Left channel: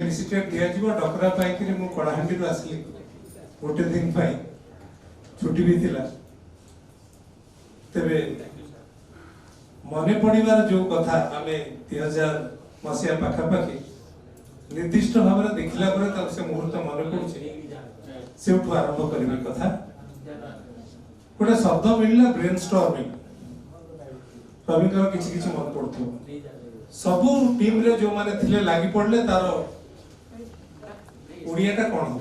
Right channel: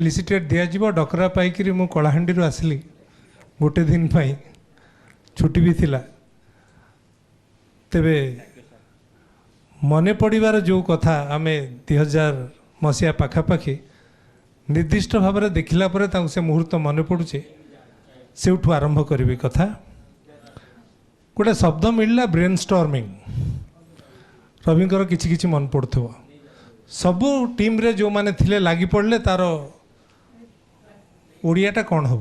लिसिटेड दिज्व डकरा पाई मु कलाहांडी आसली गोटे दिन छुट्टी भी थिला तेबे मने पड़ार जो कथा आम 2000 मसीहा पाखापाखि निर्दिष्ट भाव में देखला से मुहूर्त मन पड़ुचे से आरंभ करी कथा गोटे शब्द मिलला ब्रेन स्टॉर्मिंग रविंकर किछि किछि मन पड़थो सबू टीम रे जो माने थिले लागी पड़ले तार ओडियाटा कौन हो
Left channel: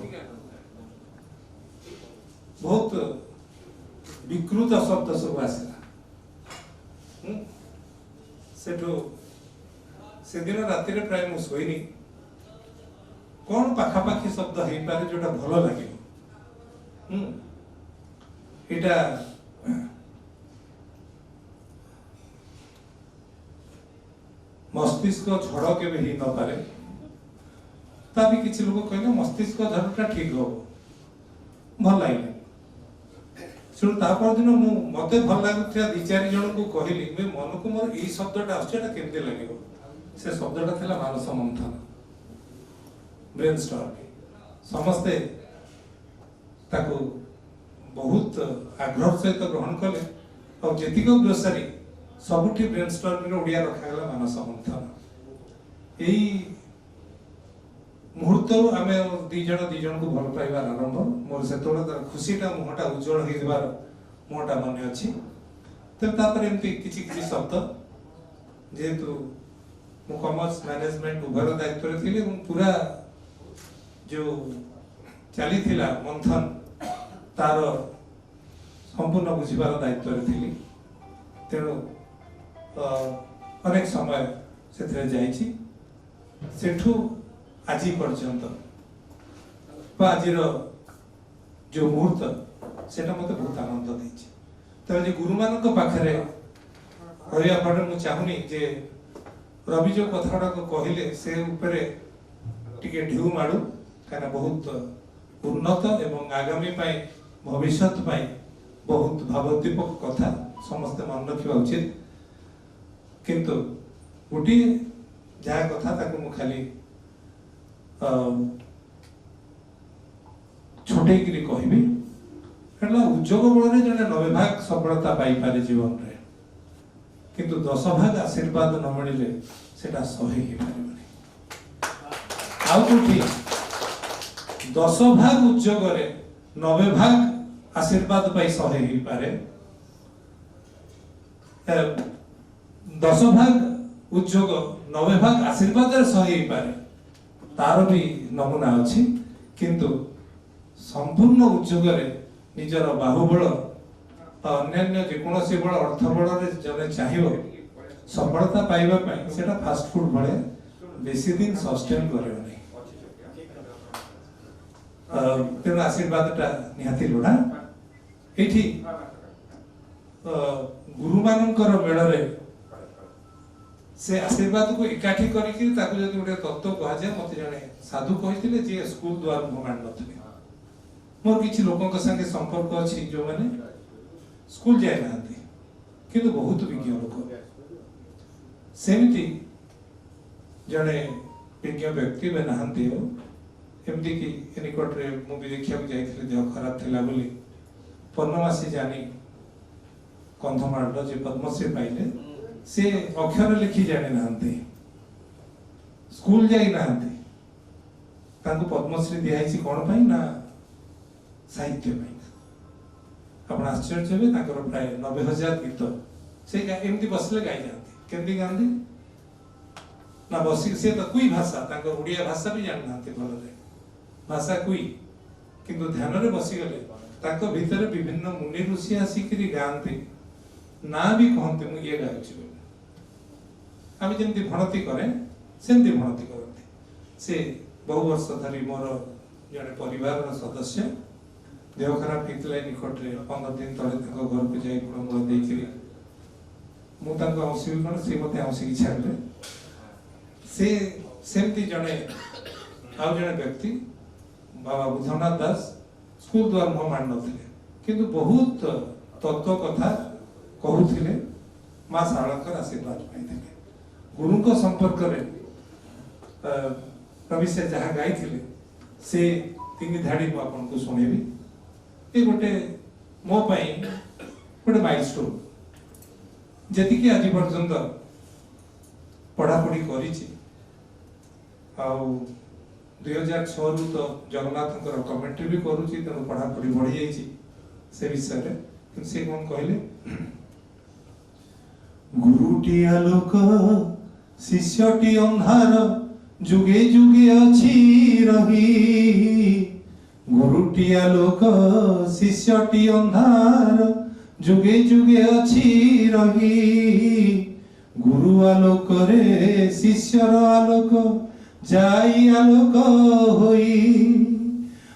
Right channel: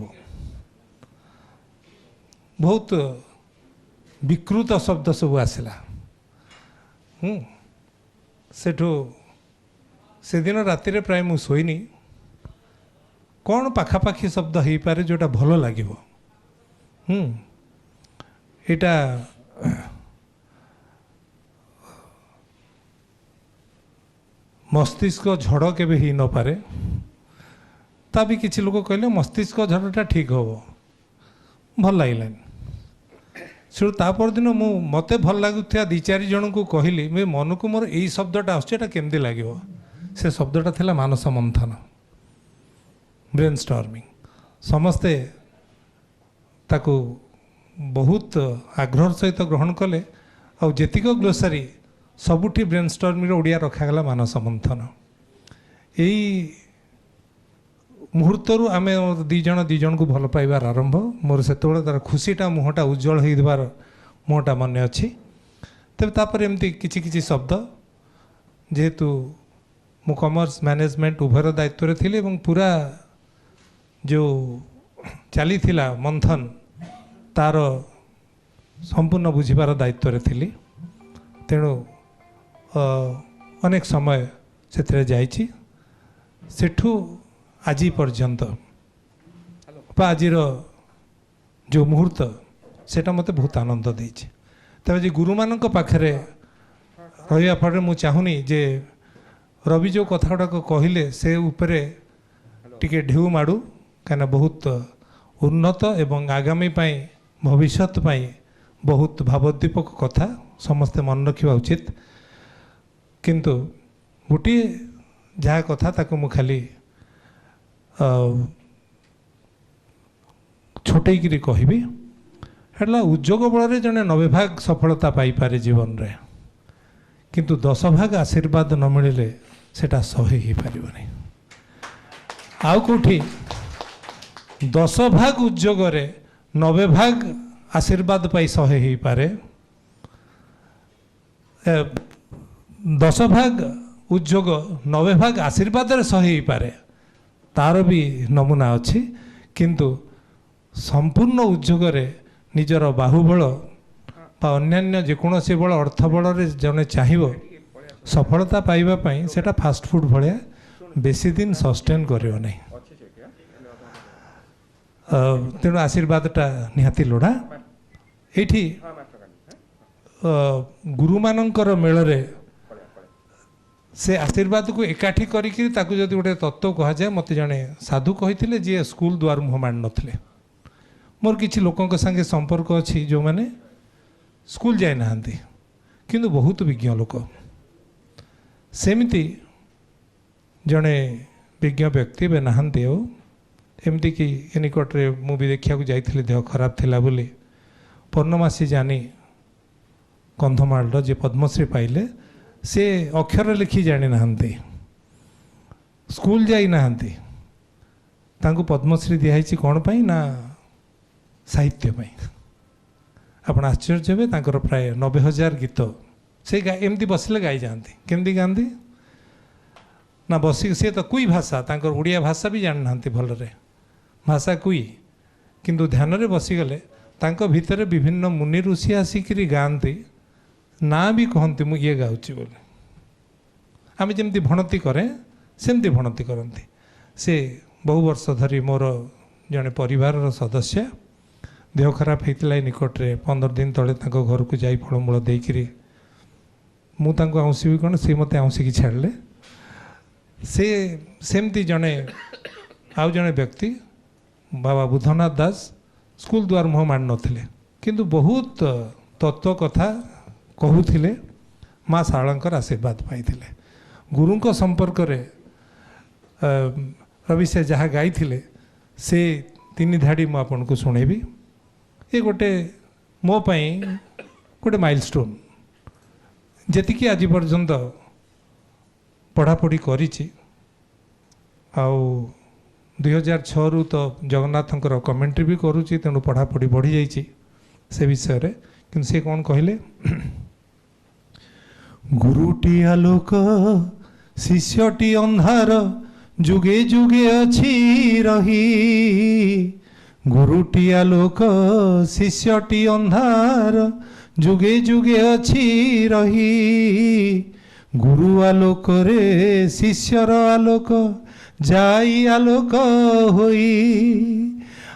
बहुत विकृत शब्द सब आसला सेठू से दिन राति रे प्राय मु सोईनी कौन पाखापाखि शब्द हो पारे जोटा भल लगे एटा मस्तिष्क झड़ के ही न पारे ता भी किसी लोग कहले मस्तिष्क झड़टा ठीक हो भल लगे शुरू तापर दिन मु मते भल लगुवा दी चार जन को कहली मैं मन को मोर यही शब्दटा आसमती लगे से शब्दटा थिला मानस मंथन ब्रेन स्टॉर्मिंग समस्ते ताकू बहुत आग्रह सहित ग्रहण कले और जेतिक ग्लोसारी सबुठी ब्रेन स्टॉर्मिंग ओडिया रखागला मानस मंथन यही मुहूर्त आम दीजन को भल पाइबार आरंभ मोर से तार खुशीटा मुहटा उज्जवल होइबार मुहटा मन अच्छी तेज तापर एमती किछि किछि शब्द जेहेतु मु कॉमर्स मैनेजमेंट उभर दायित्व थी पूरा जो चली मंथन तार संपूर्ण बुझीबार दायित्व थी तेणु अनेक समय से जाइछि सेठू आज पर्यंत आज जो मुहूर्त सेटा मते बहुत आनंद देछि तब आज गुरु मान पाखरे रहा फल मुझे चाहूनी जे रवि जो कथा गुड़ाक कहले से उपरे टिके ढेउ माड़ू कहीं बहुत उन्नत एवं आगामी पाई भविष्यत पाई बहुत भावोद्दीपक कथा समस्ते मन रखा उचित किंतु गोटे जहाँ कथा ताको मु खाली छोटेकरी कहबी है उद्योग बल जड़े 90 भाग सफलता पाई पारे जीवन रे किंतु 10 भाग आशीर्वाद न मिले सेटा 100 ही पारिबनी आउ कोठी 10 भाग उद्योग रे 90 भाग आशीर्वाद पाई 100 ही पारे 10 भाग उद्योग 90 भाग आशीर्वाद रे 100 ही पारे तार भी नमूना अच्छी किंतु संपूर्ण उद्योग रे निजर बाहुबल अन्य जेकोसी बल अर्थ बल जने चाहिए सफलता पाइबा सेटा फास्ट फूड भाया बेसी दिन सस्टेन करियो नहीं तेणु आशीर्वादटा निहाती लोड़ा ये गुरु मानकर मेल से आशीर्वाद को एकाठी करी गोटे तत्व कह जाए मत जड़े साधु कही जी स्कूल द्वार मुह माड़ नथिले मोर किसी लोकों संगे संपर्क अच्छी जो मैंने स्कूल जाए ना किंतु बहुत विज्ञ लोक सेमती जड़े विज्ञ व्यक्ति बे नहांती एमती कि निकटे मुवी देखा जाइए देह खराब थिला बोली पूर्णमासी जानी कंधमाल जे पद्मश्री पाइले से अक्षर लिखि जानी ना स्कूल जाई ना तांको पद्मश्री दिखाई कौन पाई ना साहित्य पाई आप आश्चर्य हे तांकर प्राय 90,000 गीत से एमती बसले गाई जाती केमती गाँधी ना बसिक सी तो कुई भाषा तांकर उड़िया भाषा भी जानी ना भलरे भाषा कुई किंतु ध्यान रे बसीगले तांको भितर विभिन्न मुनि ऋषि आसिक गाँती ना भी कहते मु ये गाँची बोले आम जमी भणती करें सेमती भणती करती से बहु वर्ष धरी मोर जड़े परिवार सदस्य देह खराब होता निकटरे 15 दिन तले घर को जाई फलमूल देकरी मुझे आउँसि कौन सी मत आउँसिकी छाड़े से सेमती जड़े आउ जड़े व्यक्ति बाबा बुद्धनाथ दास स्कूल द्वार मुह माड़ नथिले किंतु बहुत तत्व कथा कहूथिले माँ शारदांकर आशीर्वाद पाई गुरुंक संपर्क रे रवि से जहाँ गाई से 3 धाड़ी मु आपन को सुनेबी। ये गोटे मो पाई गोटे माइलस्टोन जी कि आज पर्यंत पढ़ापढ़ी करिछि। 2006 रु तो जगन्नाथंकर कमेंट्री भी करुच्ची, तेणु पढ़ापढ़ी बढ़ी जाइए से विषय रे। कि से कौन कहले, गुरुटी आलोक शिष्यटी अंधार जुगे जुगे अच्छी रही। गुरुटी आलोक शिष्यटी अंधार जुगे जुगे अच्छी रही। गुरु आलोक रे शिष्यर आलोक जाई आलोक होई।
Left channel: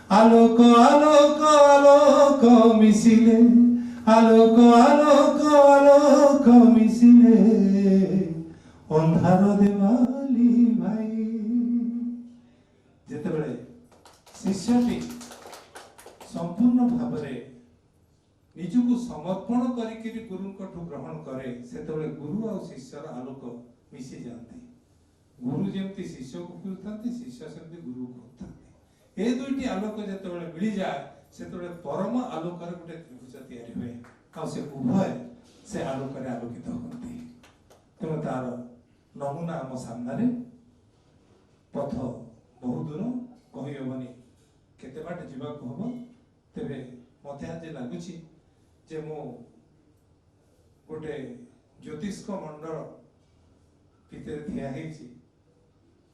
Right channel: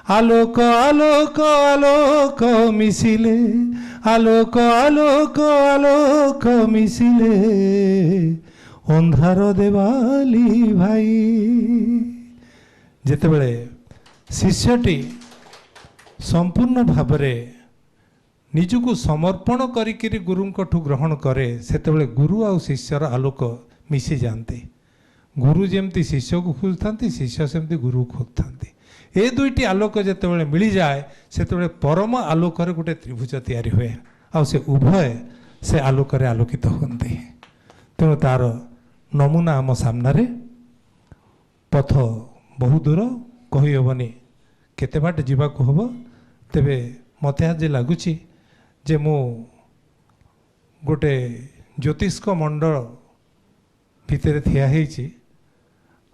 आलोक आलोक आलोक मिसिले, आलोक आलोक आलोक मिसिले, अंधार देवाली भाई। जेतेबेले शिष्यटी संपूर्ण भावरे निजको समर्पण करिकिरी गुरुंकठू ग्रहण करे, सेतेबेले गुरु आ शिष्यर आलोक मिसी जाते। गुरु जेमती शिष्य को खोजता, शिष्य सेमती गुरु खोजता। ए दुईटी आलोक जेतेबेले मिली जाए, सेतेबेले परम आलोक रे गोटे त्रिभुज तैयारी हुए, आ से उभय से आलोक रे आलोकित होते। तेणु तार नमूना आम सामने, पथ बहु दूर कही हेबनी, केते बाट जीवाकू हबो। तेबे मते आज लगुच जे मु गोटे ज्योतिष्क मंडल भितर ठिया होइछि,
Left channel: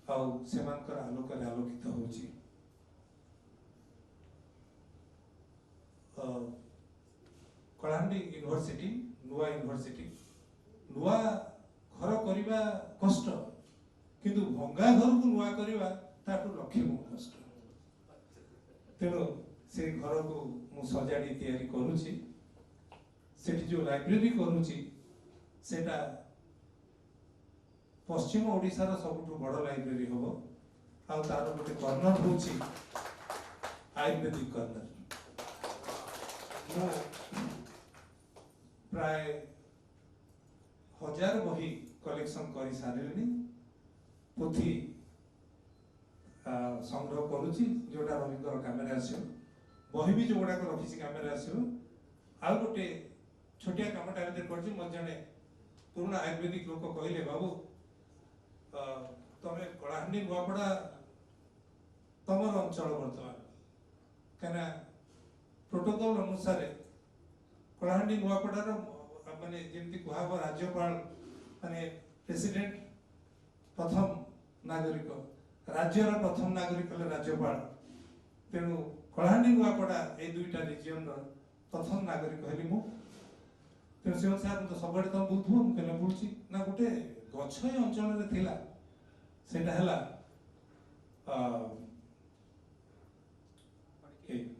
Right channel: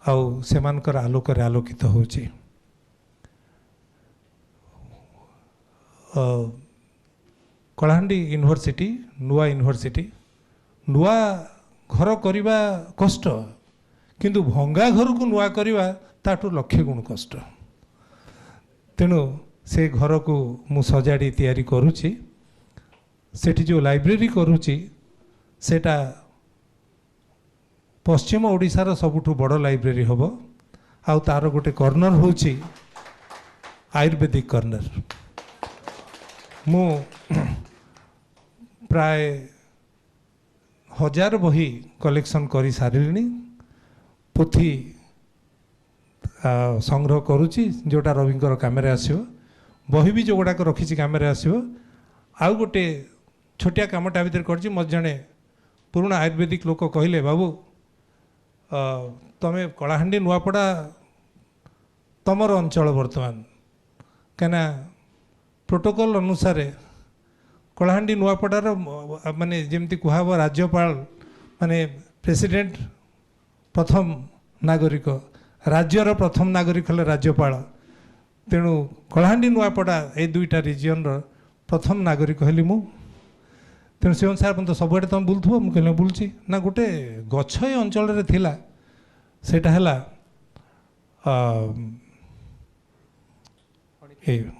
आउ सेमानकर आलोक रे आलोकित होउछि। कलाहांडी यूनिवर्सिटी नुआ यूनिवर्सिटी, नुआ घर करवा कष्ट, किंतु भंगा घर को नुआ करवा ताठू लक्षे गुण कष्ट। तेणु से घर को मु सजाड़ी तैयारी करुछि। सेठी जो लाइब्रेरी करुछि सेटा पश्चिम ओडिशार सबुठू बड़ लाइब्रेरी हबो। आउ तार गोटे कॉर्नर होछि आयुर्वेदिक कॉर्नर। मु प्राय 1000 बही कलेक्शन करी सारिलिनी। पोथी संग्रह करुछि जोटा रविंकर कामेरे आसियो। बही भी जो गुड़ाक रखी कामेरे आसियो। आउ गोटे छोटिया कामटा भितर करछि। मत जणे पुराना आयुर्वेदिक लोक कहले, बाबू तमे कलाहांडी नुआपड़ा तमर अंचल बर्तमान कहीं प्रोटोकॉल अनुसार कलाहांडी नुआपड़ार माने जेमती कहब राज्यपाल माने प्रेसिडेंट प्रथम नागरिक, राज्यर प्रथम नागरिक हेले राज्यपाल। तेणु कलाहांडी नुआपड़ा ए दुईटा रिजियन प्रथम नागरिक हेली मु। तेणु से अनुसार तो सबुआड़े तुम बुलुव। मुझे बुलूची ना गोटे गछ ए अंचल थिला, सेटा हैला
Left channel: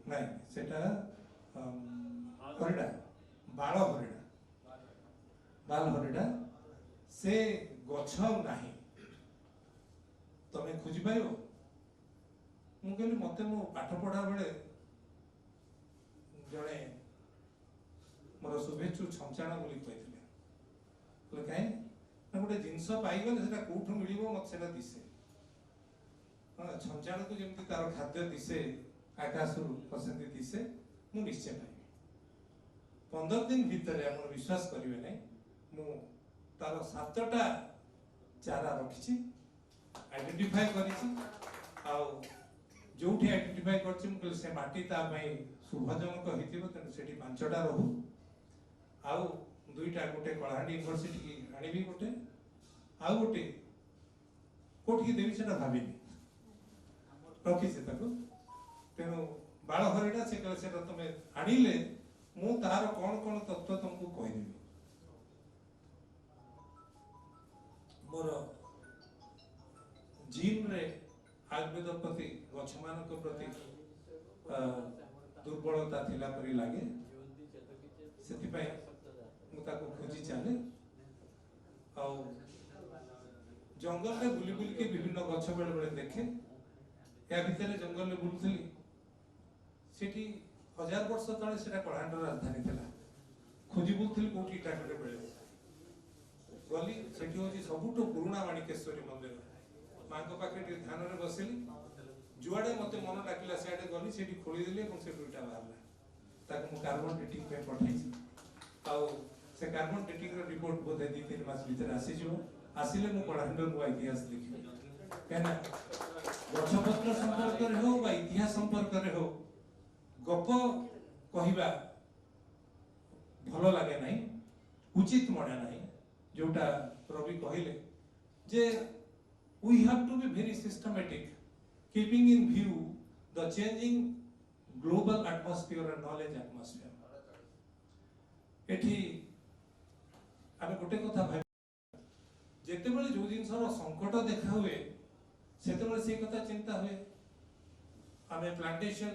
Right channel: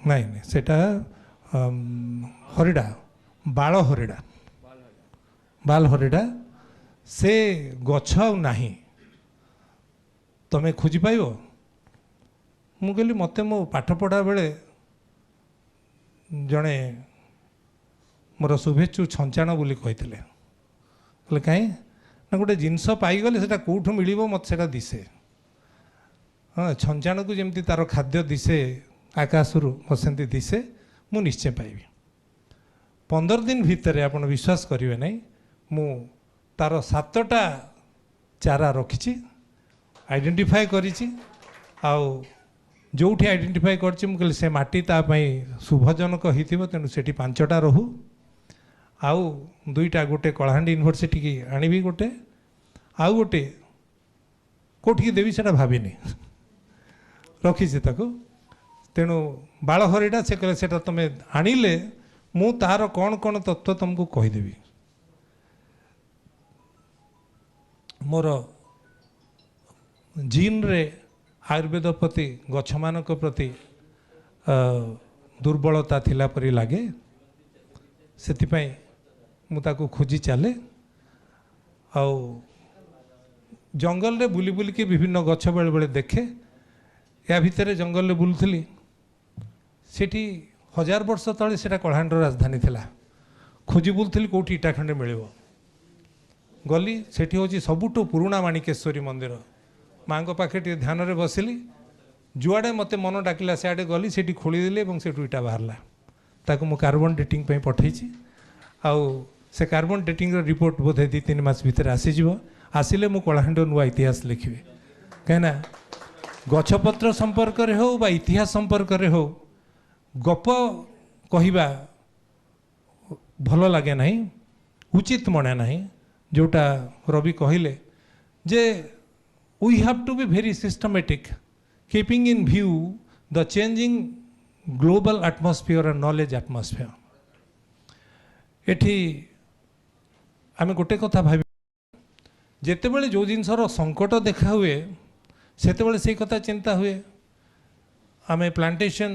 नाई सेटा हरिडा, बाल हरिडा, बाल हरिडा। से गछ नाही तमें खोजी पाइब। मु कहली मते मो पाठ पढ़ा बेले जड़े मोर शुभेच्छु छंचाण बोली कहते कहीं ना गोटे जिनस पाईगले से कौटू मिल मत से दिशे। हाँ छंचाण को जमी तार खाद्य दिशे आकाशरू मत से दिशे, मु निश्चय पाइबी। 15 दिन भितर आप विश्वास करेंगे नहीं, मु तार 7टा चारा रखी आइडेंटिफाई करिछि। आउ जोठी आइडेंटिफाई करछि मु कहली से माटी तापाई शुभजनक होइथिबो, तेणु सेठी 5टा रहू। आउ 2टा गोटे कलाहांडी यूनिवर्सिटी की आनिबी गोटे, आउ गोटे कोठी देवी सेटा भाबिनी रखीछि ताको। तेणु बाल हरिडा से कहले सेटा तमे आनिले मु तार कौन कौन तत्व तुमको कहीदेवी। मोर जीन रे आयुर्वेद प्रति गछ मानक प्रति दुर्बलता थिला परी लागे, सेतिपाई मु ताको खोजी चले। आउ जंगल रे बुली बुली के विभिन्न गछ बेले बेले देखे। या भितर जंगल रे बुलुथली, सेठी 1000 वर्ष तले सेटा कलाहांडीर राजधानी थिला। खोजी बुलुथली कोठी इटा खंडे मिलिबो। गली सेठी होची सबुठो पुराना माणिकेश्वरी मंदिर। माँ को पाखे टे ध्यान रे बसिली जुआड़े मते मन डाकिला सियाड़े गली सेठी खोलीदेली और से इटा बाहरला ताको मु कार्बन डेटिंग पे पठेई आउ से कार्बन डेटिंग रिपोर्ट बोधे 2-3 मास भीतर आसीज आसिले मु कलाहांड नुआ इतिहास लिखे कहीं गछपत्र संपर्क रे हो बा इतिहास संपर्क रे हो गप कहवा भल लगे नहीं उचित मने नहीं जोटा रवि कहले जे we have to be very systematic keeping in view the changing global atmosphere and knowledge atmosphere एठी आमे गोटे कथा भाबी जेते बेले जो जिनसर संकट देखा हुए सेते बेले से कथा चिंता हुए आमे प्लांटेशन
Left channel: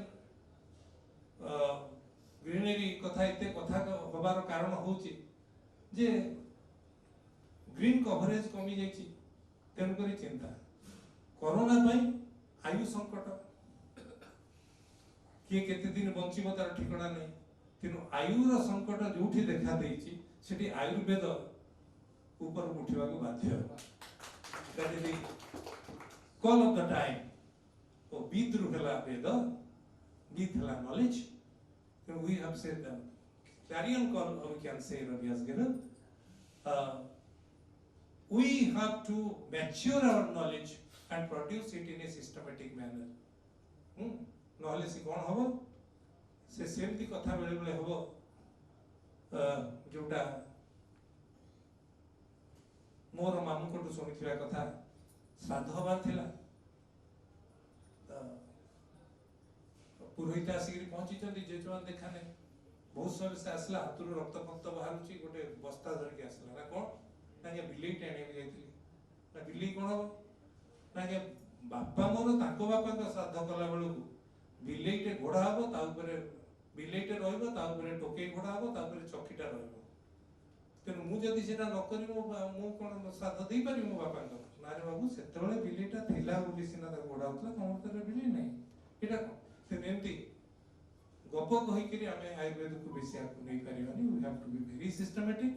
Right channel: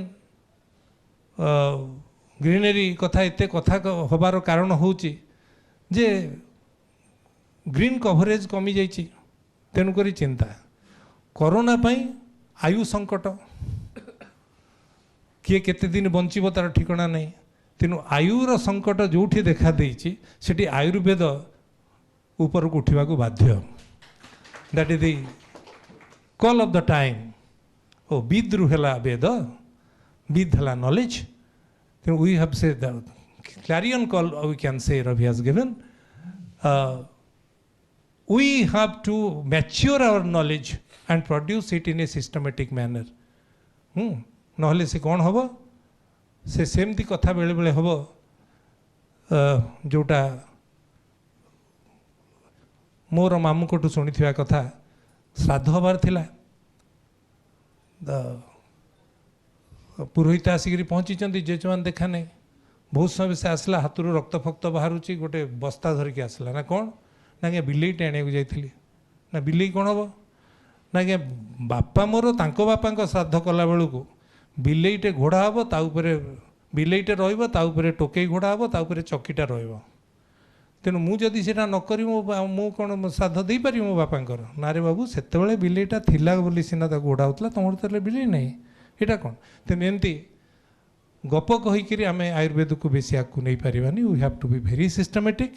ग्रीनरी कथा एते कथा होबार कारण होची जे ग्रीन कवरेज कमी जाइए तेणुक चिंता कोरोना पाई आयु संकट किए केते दिन बंचीब तार ठिकाना नहीं तेणु आयुर संकट जो देखा देइछि सेठी आयुर्वेद ऊपर को उठा बाध्य that is the call of the time ओ विद्रु है वेद विद है नॉलेज तेणु we have say the clarion call we can say Ravi has given we have to mature our knowledge and produce it in a systematic manner नहले से कौन हम से सेमती कथा बेले बेले हम जोटा मोर मामू कोटू शुणी कथा श्राद्ध हबार थिला पुरोहित आसिक पहुँची जेजमान देखा नहीं बहुत समय से आसला हाथ रक्त फक्त बाहर गोटे बस्ता धरिकी आसला ना कौन ना क्या बिलेईटे आने जाइली ना बिलेई कौन हम ना क्या बापा मोर तांको बापा श्राद्ध कला बेलू को बिलेईटे घोड़ा हम ताऊपर बिलेईटे रही टोकई घोड़ा हम ताऊपर चकीटा रही तेणु मुझे से न करी मु कौन श्राद्ध दे पारि मो बापांकर ना रे बाबू से बिलेईटा थिला बोली सीना घोड़ा होता तुम तो बिलेई नहीं यहाँ कौन तेणु एमती गप कहीकि आम आयुर्वेद को बेसी आगे नहीं पारानी we have to be very systematic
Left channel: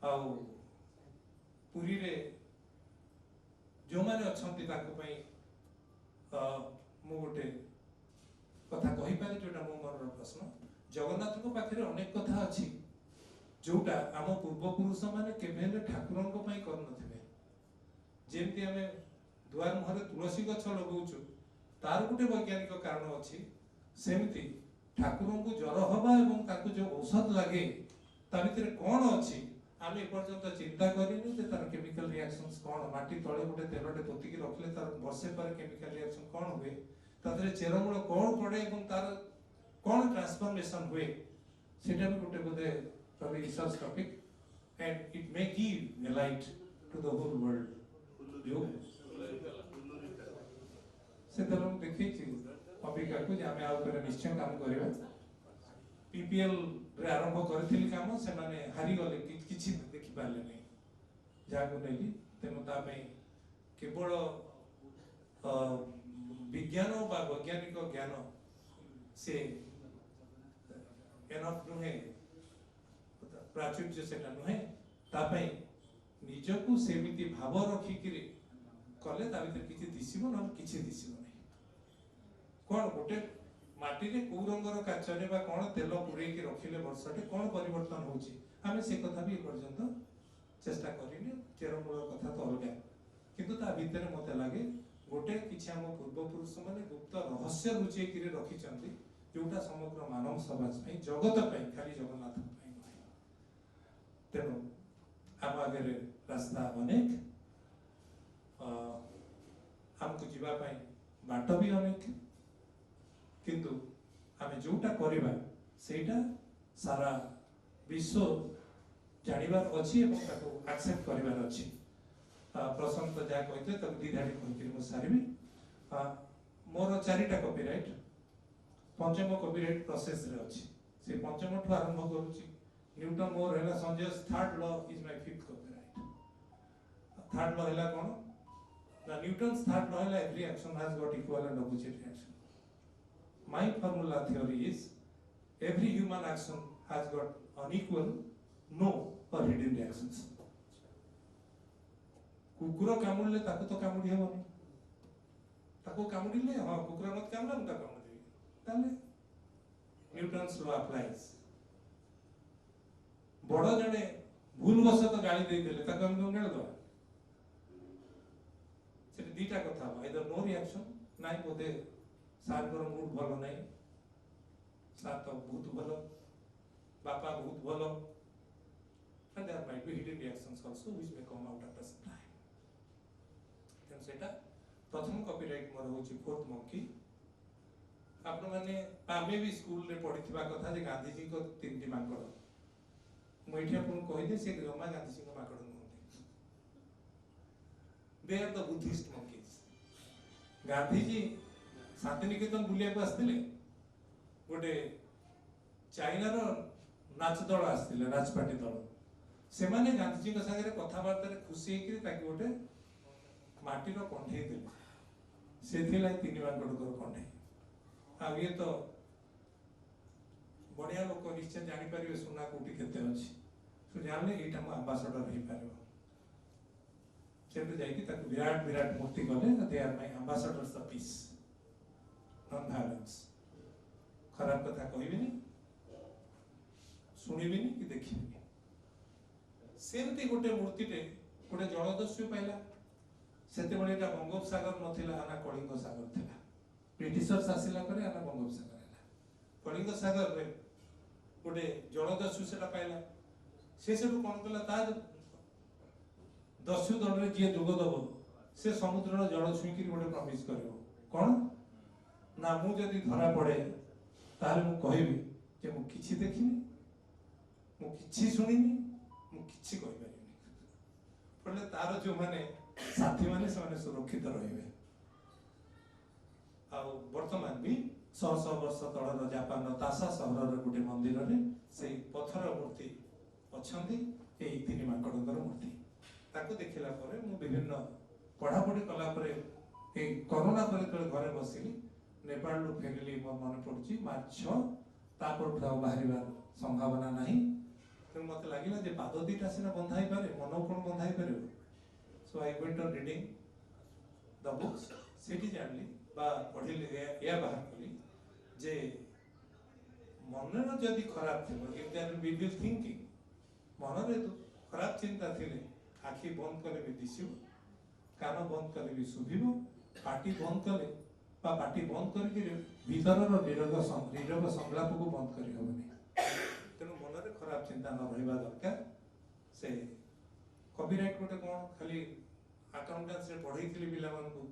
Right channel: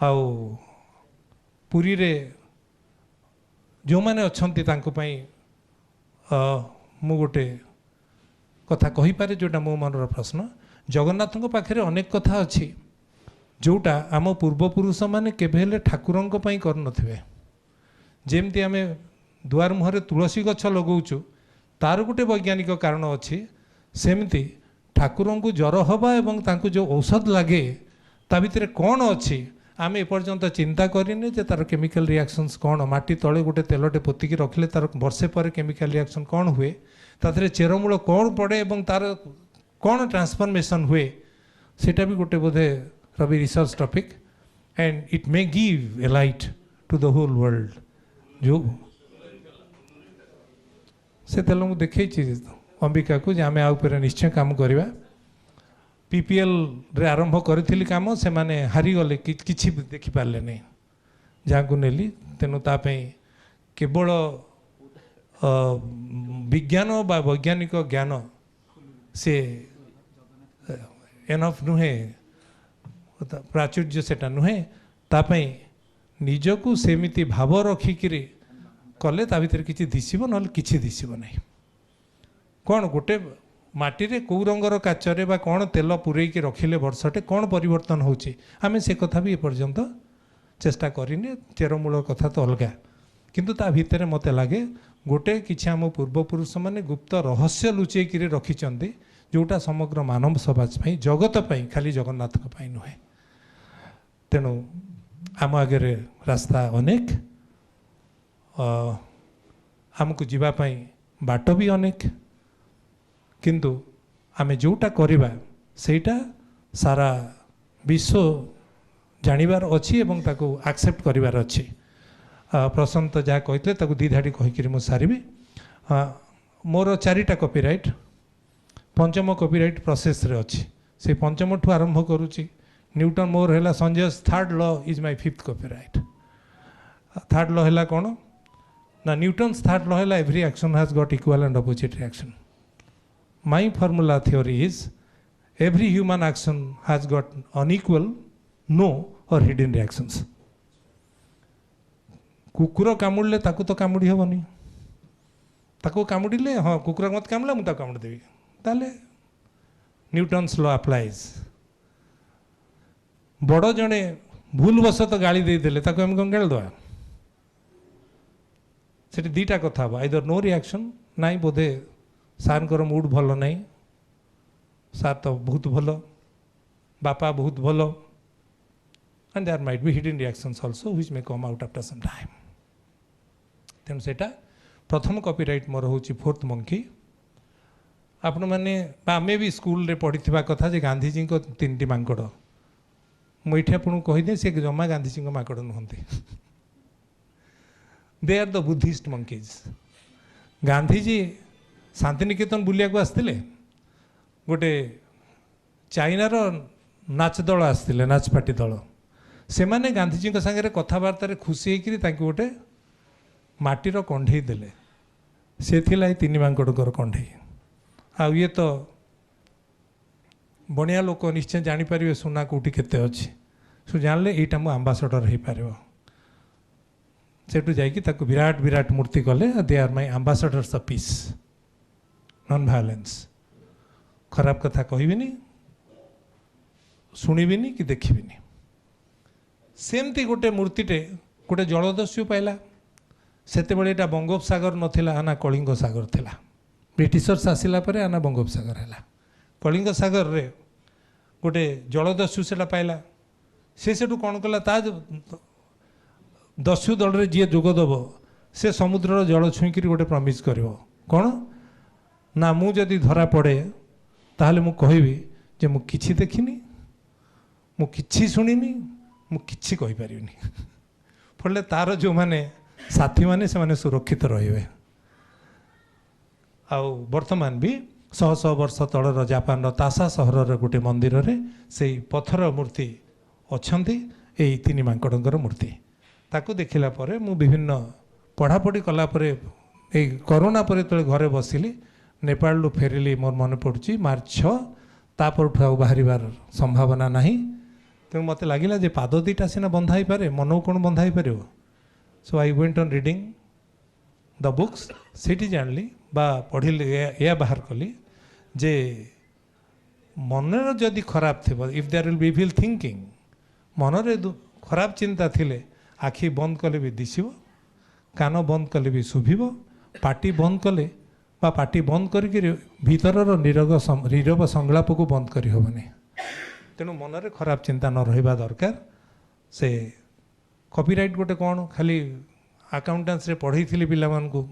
आउ पुरी रे जो मैंने अच्छा मु गोटे कथा कहीपे जोटा मो मनर प्रश्न जगन्नाथ पाखे अनेक कथा अच्छी जोटा आम पूर्वपुरुष मैंने केवे ठाकुरों कर जमती आम दुआर मुहर तुलसी गछ लगाऊँ तार गोटे वैज्ञानिक कारण अच्छी सेमती ठाकुरों को ज्वर हवा एवं तांको जो औषध लगे ता भितर कौन अच्छी आम एपर्यंत चिंता करें जे तार केमिकल रिएक्शंस कौन माटी तले गोटे तेलटे पोतिकी रखिले तार वर्षे पर केमिकल रिएक्शन कौन हुए तादरे चेरमूल कौन पड़े एवं तार कौन ट्रांसफॉर्मेशन हुए सेटा भी गोटे बोधे रवि research topic and it may give a light to the whole world जो से तेल मुझे देखी अंबिका को आम आ निश्चय काम करवा पीपीएल रे आरंभ करी कम से माने हारीगले कि देखिपारे नहीं जहाँ को नेली तेणु तापाई केवल विज्ञान बा वैज्ञानिक ज्ञान से एनफ नुहे प्राचुर्य सेटा नुहे तापाई निजको सेमिति भाव रखिकी कले ता भीतर किसी दिशब ना कि दिशब नहीं कौन गोटे माटी रे कौ रंगर काचरे बा कौन तेल पूरेकी रखिले वर्षटे कौन परिवर्तन होची आमे से कथा भी एपर्यंत चेष्टा करिने चेरमूल कथा तो अलग किंतु ता भितर मते लगे गोटे किछि आम पूर्वपुरुष माने गुप्त रहस्य लुचेकी रखिचंती जोटा समग्र मानव समाज पाई जगत पाई खाली जगन्नाथ पाई नुहे तेणु आम आगे रास्ता अनेक आमको जीवापाई बाट भी अनेक किंतु आमे जोटा करिबा सेटा सारा विश्व जानिबार अच्छी एवं ताको एक्सेप्ट करिबार अच्छी प्रशांत जहाँ कहते ताको दी धाड़ी कहीकि मु सारिबी मोर 4टा कॉपीराइट पंचम कॉपीराइट प्रोसेस रे अच्छी से पंचम ठू आरंभ करुच्ची न्यूटन मोर है Sanjay 3rd law is my 5th copyright 3rd law है कौन ना न्यूटन्स 3rd लॉ है every action has got equal and opposite reaction my formula theory is every human action has got unequal, no or hidden reactions. कुकुर कामुड़े ताकू तो कामुड़ी हेनी ताकू कामुड़े हाँ कुकुर मत कामुड़ा मुझे कामुड़देवी ताले न्यूटन्स लॉ अप्लाइज बड़ जड़े भूलवश तो गाड़ी देदेले ताकू आम कौन गाड़ी दवा से दीटा कथा हम आइदर नो रिएक्शन नाई बोधे सार को मूड भल ना सार तो बहुत भल बापा बहुत भल and there might be hidden reactions also which may come out after some time तेणु सेटा प्रथम कॉपीराइट मोर हूँ फोर्थ मंकी आपण मैंने आम भी स्कूल रे पढ़ी कथा जे गांधीजी को 3टी मांकड़ मुझे आपको कहीदे सी जमा गांधीजी माकड़ नुहति they are the Buddhist monkeys Gandhiji Shantiniketan बुलिया को आसते गोटे चाइनार नाच दल आसते नाच पार्टी दल से माने गांधीजी सागर कथबार्तार खुशी होकर गोटे माटीर कंढे देले से थिला 3 मांकड़ कंढे आ ये तो बनिया लोक निश्चय जानीपर सुना कौटी केते अच्छी सो जानले यहाँ मो आंबासडर हो पार सेठू जाकि विराट विराट मूर्ति कले they are my ambassadors of peace non violence खराब कथा कहबिनी शुणिबिनी कि देखिबिनी सेमती गोटे मूर्तिटे गोटे जलदस्यु पाइला सेते बळे एटा बंगोपसागर नथिला ना कलिंग सागर थिला ब्रिटिशर्स आसिला परे आना बंगोपसागर हैला कलिंग सागर रे गोटे जलदस्यु सेटा पाइला से सेठू कौन कला ता दस्यु दल रे जी जोगदेव से समुद्र जल छुईक गोटे प्रमिज कर कौन ना मु जदि धरा पड़े ताहले मु कहबी जे मु किछि देखिनी मु किछि सुनिनी मु किछि कहि परिबिनी फले तार जो माने साथी माने से माने सुरक्षित रहिबे आउ वर्तमान भी 100 वर्ष तलर जापान तासा सहर गोटे मंदिर रे से पत्थर मूर्ति अच्छी यही 3 मांकड़ मूर्ति ताकू देखला परे मु विभिन्न पढ़ापढ़ी कलापर कोरोना पर तो घरे बसिली नेपाल लु फेरिली मोर मन पड़ुची मार्च 6 तापर बाहर संभावना नहीं तेणु मत लगिला जे पाद 2टा सीना बंधा ही पारे मन कौन बंधा ही पार so I went on reading the books सीटी जानली बा पढ़िली या बाहर कली जे मनर जदि खराब थी if there will be evil thinking मनरे खराब चिंता थिले आखि बंद कले भी दिशिब कान बंद कले भी शुभिब पाटी बंद कले बा पाटी बंद करके भीतरर नीरव संगलाप को बंद करी होबनी तेणु मनरे खराब चिंता न रहिबा दरकार से कॉपीराइट गोटे कौन खाली अकाउंटेंस रे पढ़ई थिली पिला मान को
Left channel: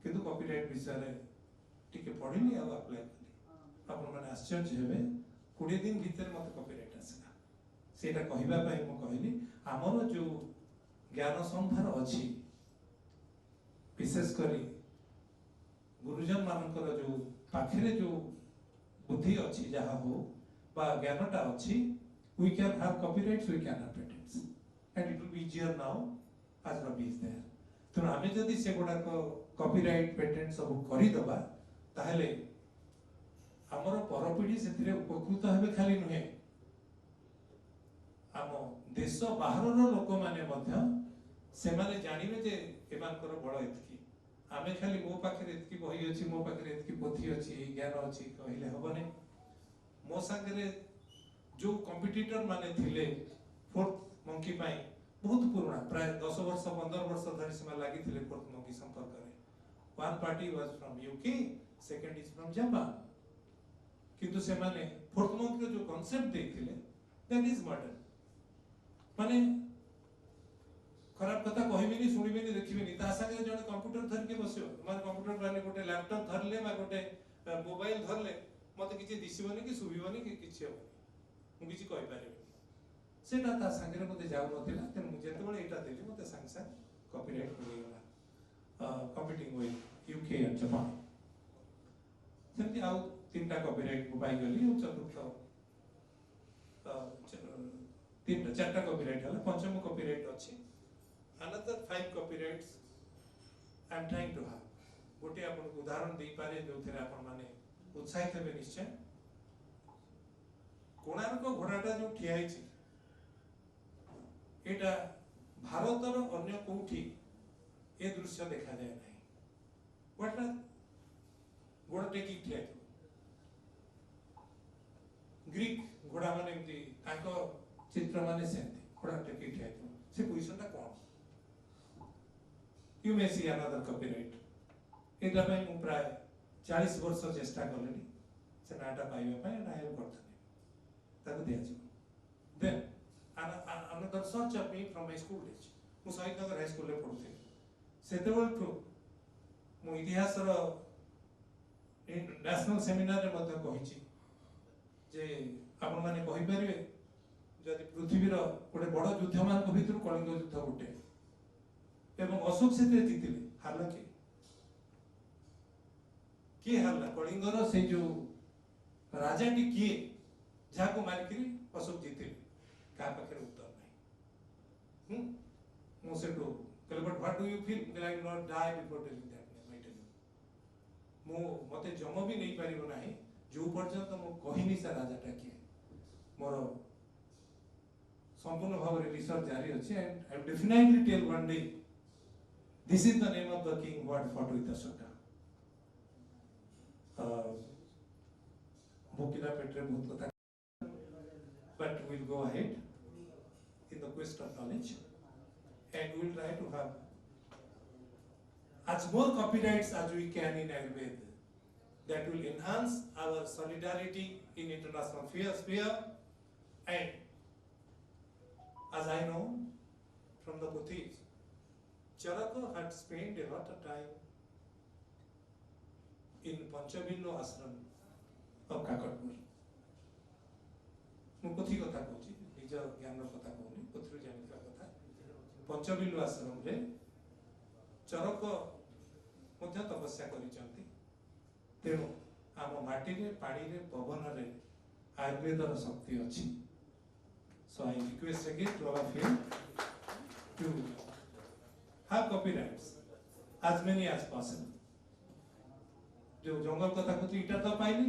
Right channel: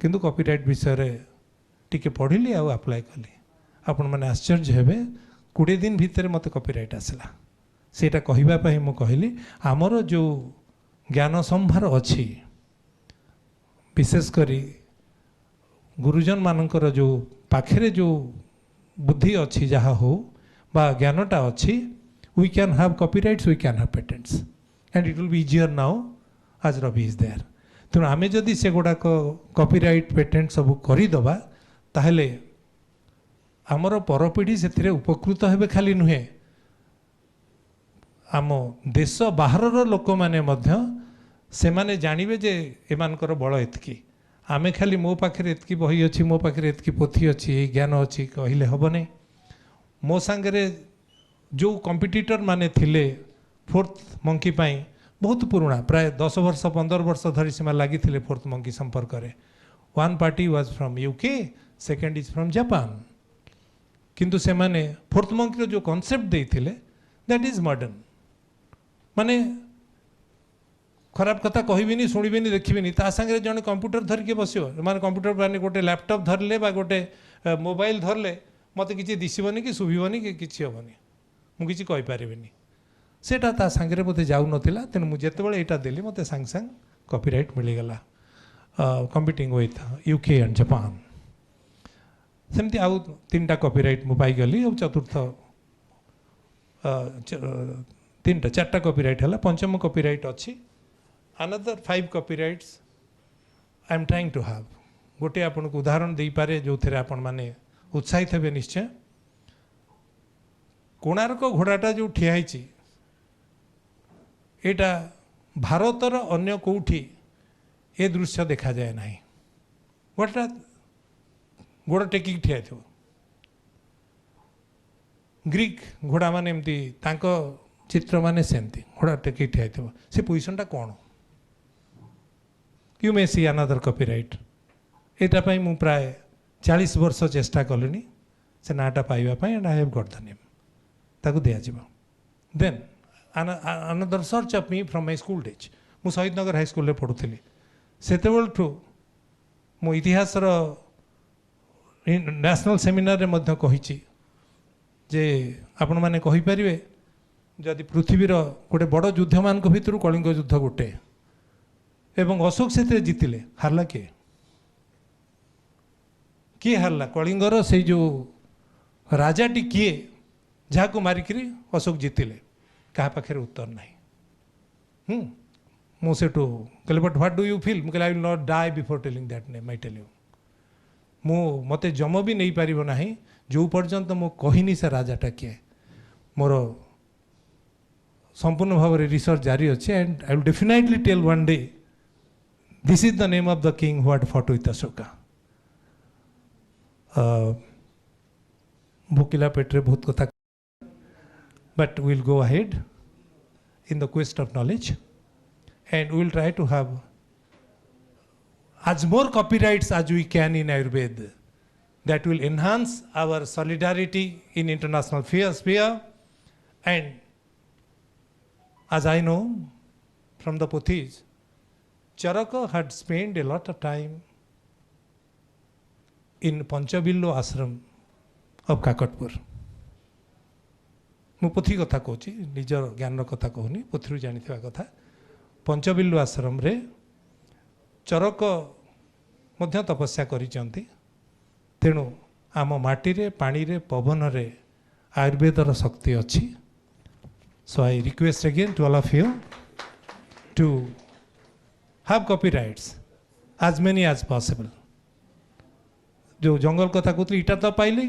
किंतु कॉपीराइट विषय रे टिके पढ़िली आ अप्लाई कली आपण माने आश्चर्य हेबे 20 दिन भितर मते कॉपीराइट आसला सेटा कहिबा पई मु कहली हमर जो ज्ञान संभार अछि विशेष करी गुरुजन मानकर जो पाखरे जो बुद्धि अच्छी जहाँ हो बा ज्ञानटा अच्छी we can have copyrights we can have patents and it will be easier now आज रवि इज देयर तेणु आम जदि से गुड़ाक कॉपीराइट पेटेंट सब करदे ताहले आमर परपीढ़ी से उपकृत हेबे खाली नुहे आम देश बाहर लोक मैंने से माने जानवे जे एमानकर बल एतकी आमे खाली मो पाखे एतकी बही अच्छी मो पाखे एतकी पोथी अच्छी ये ज्ञान अच्छी कहले हेबनी मो सांगरे जो कॉम्पिटिटर माने थिले 4th मंकी पाई बहुत पुराना प्राय 10 वर्ष 15 वर्ष धरी सीमा लगी 4th मंकी संपर्क में 1 party was from UK second is from Japan किंतु से माने 4th मंकी जो कॉन्सेप्ट देइथिले दैट इज मॉडर्न माने खराब कथा कहबिनी शुणिबिनी देखिबिनी ता संगे जने कंप्यूटर धरिके बसियो माने कंप्यूटर माने गोटे लैपटॉप धरले बा गोटे मोबाइल धरले मते किछि दिसिबनी कि सुभिबनी कि किछि होबनी मु किछि कहि परिबिनी सेटा ता संगे बोते जाउ नथिला तेनु मु जेते बेले एटा देली मते संग संग कॉपीराइट मिली गला competing with UK and Japan सेमती आउ 3टा कॉपीराइट मु पाई गली और चतुर्थ 3टा 4टा कॉपीराइट हला पंचम कॉपीराइट अछि another 5 copyrights I am trying to have गोटे आपन को उदाहरण दे पारे जो थे आपण माने उत्साहित हेबे निश्चय कोणार्क घोड़ाटा जो ठिया एटा ଭାରତର ଅନ୍ୟ କେଉଁଠି ଏ ଦୃଶ୍ୟ ଦେଖାଯାଏ ନାହିଁ। ଗୋଟା ଗୋଡ଼ ଟେକିକି ଠିଆ ହେଇଥିବ। ଗ୍ରୀକ୍ ଘୋଡ଼ା ମାନେ ଏମିତି ତାଙ୍କ ଚିତ୍ର ମାନେ ସେମିତି ଘୋଡ଼ା ଟେକିକି ଠିଆ ହେଇଥିବ। ସେ ପୋଜିସନଟା କ'ଣ? You may see another copyright. ଏଇଟା ପାଇଁ ମୁଁ ପ୍ରାୟ 40 ବର୍ଷ ଚେଷ୍ଟା କଲିଣି ସେ ନାଁଟା ପାଇବା ପାଇଁ, and I have got the name. ତାକୁ ଦିଆଯିବ। ଦେନ୍ another search of me from my school days। ମୁଁ ଶହୀଦନଗର ହାଇସ୍କୁଲରେ ପଢ଼ୁଥିଲି। ସେତେବେଳଠୁ ମୁଁ ଇତିହାସର ନ୍ୟାସନାଲ୍ ସେମିନାରରେ ମଧ୍ୟ କହିଛି ଯେ ଆପଣମାନେ କହିପାରିବେ ଯଦି ପୃଥିବୀର ଗୋଟେ ବଡ଼ ଯୁଦ୍ଧମାନଙ୍କ ଭିତରୁ କଳିଙ୍ଗ ଯୁଦ୍ଧ ଗୋଟେ, ଏବଂ ଅଶୋକ ସେଥିରେ ଜିତିଲେ, ହାରିଲା କିଏ? କିଏ ହାରିଲା? କଳିଙ୍ଗର ସେଇ ଯେଉଁ ରାଜାଟି କିଏ ଯାହାକୁ ମାରିକିରି ଅଶୋକ ଜିତିଲେ? କାହା ପାଖରେ ଉତ୍ତର ନାହିଁ। ମୁଁ ସେଠୁ କହିଲି but what do you feel? ମୁଁ କହିଲି I will not die before telling that name. I tell you, ମୋତେ ଜମ ବି ନେଇପାରିବ ନାହିଁ ଯେଉଁ ପର୍ଯ୍ୟନ୍ତ ମୁଁ କହିନି ସେ ରାଜାଟା କିଏ। ମୋର ସମ୍ପୂର୍ଣ୍ଣ ଭାବରେ ରିସର୍ଚ୍ଚ ଜାରି ଅଛି, and I will definitely tell one day this is the name of the king who had fought with Ashoka. ଭୋକିଲା ପେଟରେ ବହୁତ କଥା, but we'll go ahead in the quest of knowledge, and we'll try to have as more copyrights as we can in Ayurveda that will enhance our solidarity in international sphere. And as I know from the Puthis, Charaka had spent a lot of time in Panchabillo ashram of Kakatpur। ମୁଁ ପୋଥି କଥା କହୁଛି, ନିଜର ଜ୍ଞାନର କଥା କହୁନି, ପୋଥିରୁ ଜାଣିଥିବା କଥା। ପଞ୍ଚବିଲ୍ଲୁ ଆଶ୍ରମରେ ଚରକ ମଧ୍ୟ ତପସ୍ୟା କରିଛନ୍ତି। ତେଣୁ ଆମ ମାଟିରେ, ପାଣିରେ, ପବନରେ ଆୟୁର୍ବେଦର ଶକ୍ତି ଅଛି। So I request again to all of you to have copyrights as many as possible. ଯେଉଁ ଜଙ୍ଗଲ କଥା କହୁଥିଲି, ଇଟା ତ ପାଇଲି,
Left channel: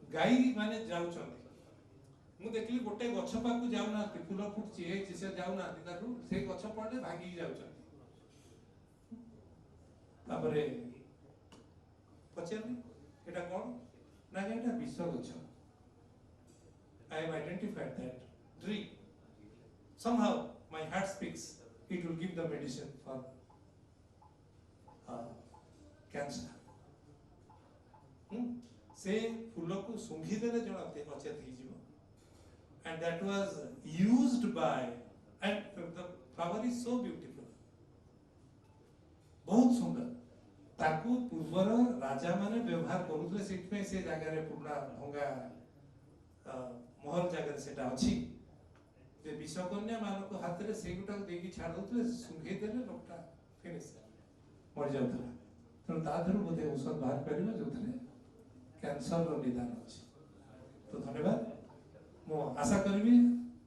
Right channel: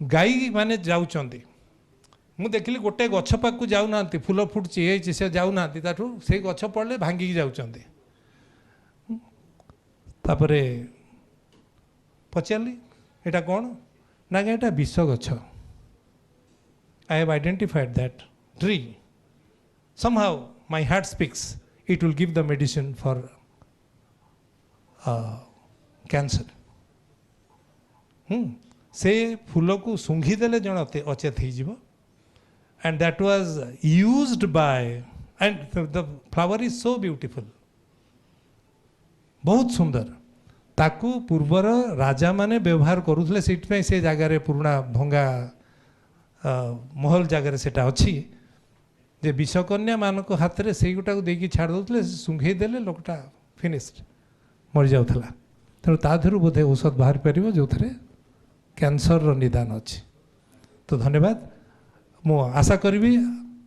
ଗାଈ ମାନେ ଯାଉଛନ୍ତି। ମୁଁ ଦେଖିଲି ଗୋଟେ ଗଛ ପାଖକୁ ଯାଉନାହାନ୍ତି, ଫୁଲ ଫୁଟୁଛି ହେଇଛି, ସେ ଯାଉନାହାନ୍ତି, ତାଠୁ ସେଇ ଗଛ ପଡ଼ିଲେ ଭାଙ୍ଗିକି ଯାଉଛନ୍ତି। ତାପରେ ପଚାରିଲି ଏଇଟା କ'ଣ? ନା ଏଇଟା ବିଷ ଗଛ। I have identified that tree. somehow my heart speaks, it will give the medicine for cancer। ସେ ଫୁଲକୁ ଶୁଙ୍ଘି ଦେଲେ ଜଣେ ଅଚେତ ହେଇଯିବ। And that was used by, and the flower is so beautiful, बहुत सुंदर। ताकू पूर्वर राजा माने व्यवहार करुले, से से जगार पुराणा भंगा महल जगार सेटा अच्छी जे विषकन्या मानक हाथ में से गोटा देकी छाड़ दौले, सुंघे देले लोकटा फिनिश्ड मरी जाउथला। तेणु ता देहरु बोधे औषध बाहर पारिबो जो थे कैंसर रो निदान अच्छी। तो धन्यवाद। मु आशा करी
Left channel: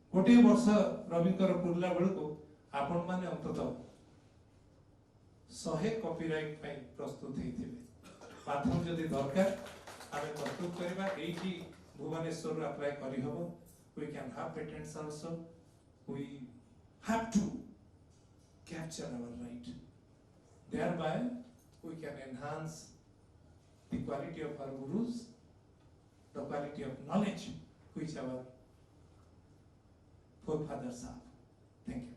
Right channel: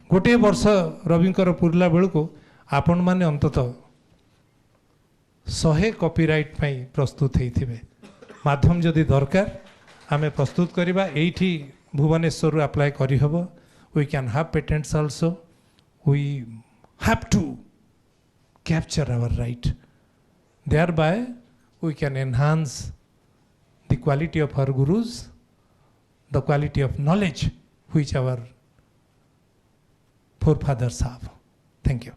गोटे वर्ष रविंकर पुरला बेलू को आपण माने अंतत 100 कॉपीराइट पाई प्रस्तुत होइथिबे। माध्यम जदि दरकार आमे प्रस्तुत करिबा, एठी भुवनेश्वर अप्लाई करी हबो। We can have patents also. We have to capture our right, thereby we can enhance the quality of our gurus, the quality of knowledge which our forefathers have. Thank you.